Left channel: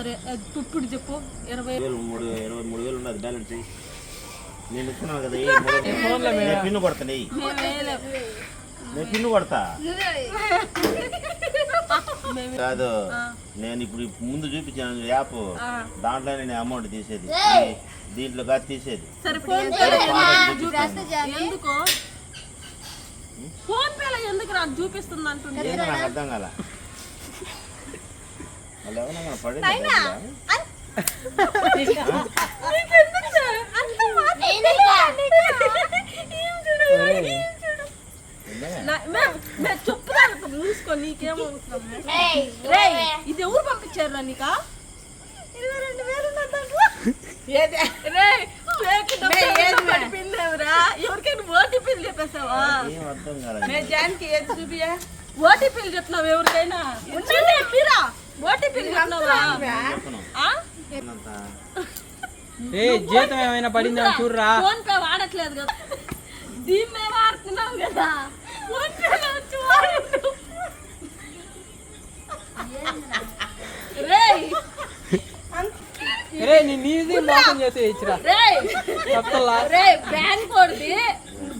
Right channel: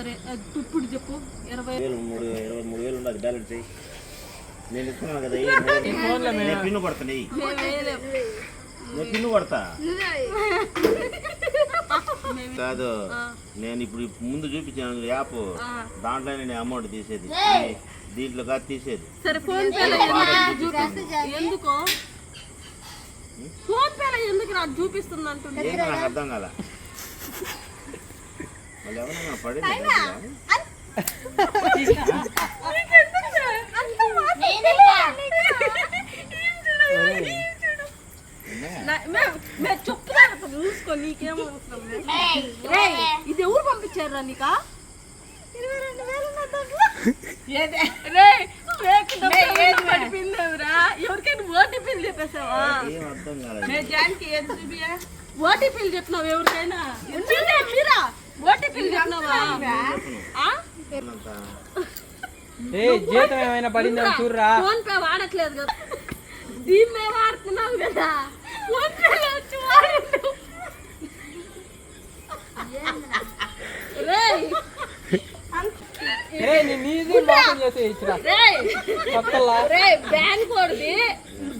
సరే ఇప్పుడు చెప్పు 23,000 ఉన్నది బ్యాలెన్స్ నేను ఇస్తున్నాను కదా పిన్ను కొడతా నేను పిన్ను కొడతా కాదు నేను ఇప్పుడు ముందు చూపించాను యాప్ దాంట్లో నేను అమౌంట్ తీసేది దీంట్లో కాదు తీసేది ఎందుకో ఫోన్ పేలో ఎందుకు నాకు చూపిస్తుంది అంటుంది నాకు అర్థం కాల వాళ్ళు ఎవరైనా పడి చెప్పుదాను మూసుకో నీకేమో ఇది ఎవరు పంపించారా నీకా 22,000 ఎవరికైనా ఓటీపీలు చెప్పేసావా ఓటీపీలు చెప్పినావు ఎవరికైనా మీరా ఓటీపీలు చెప్పినావా జీతం ఏమైనా పడిందా చూడరా ఫోన్ పే వాడట్లేదు కదా దీన్నే వాడుతున్నావు కదా ఫోన్ పేలో వచ్చి వాడు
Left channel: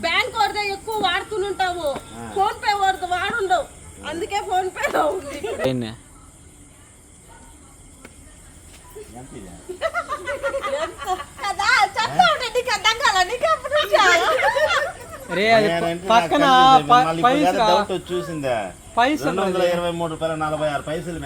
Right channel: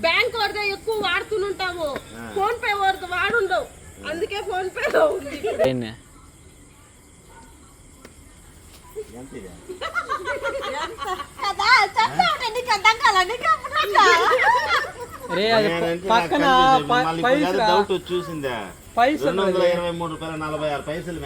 బ్యాంక్ వాడితే ఎక్కువ వాడుతుంటావు ఫోన్ పే వాడుండవు అందుకే ఫోన్ పే పక్కన చూసిందా పైసలు 223 పైసలు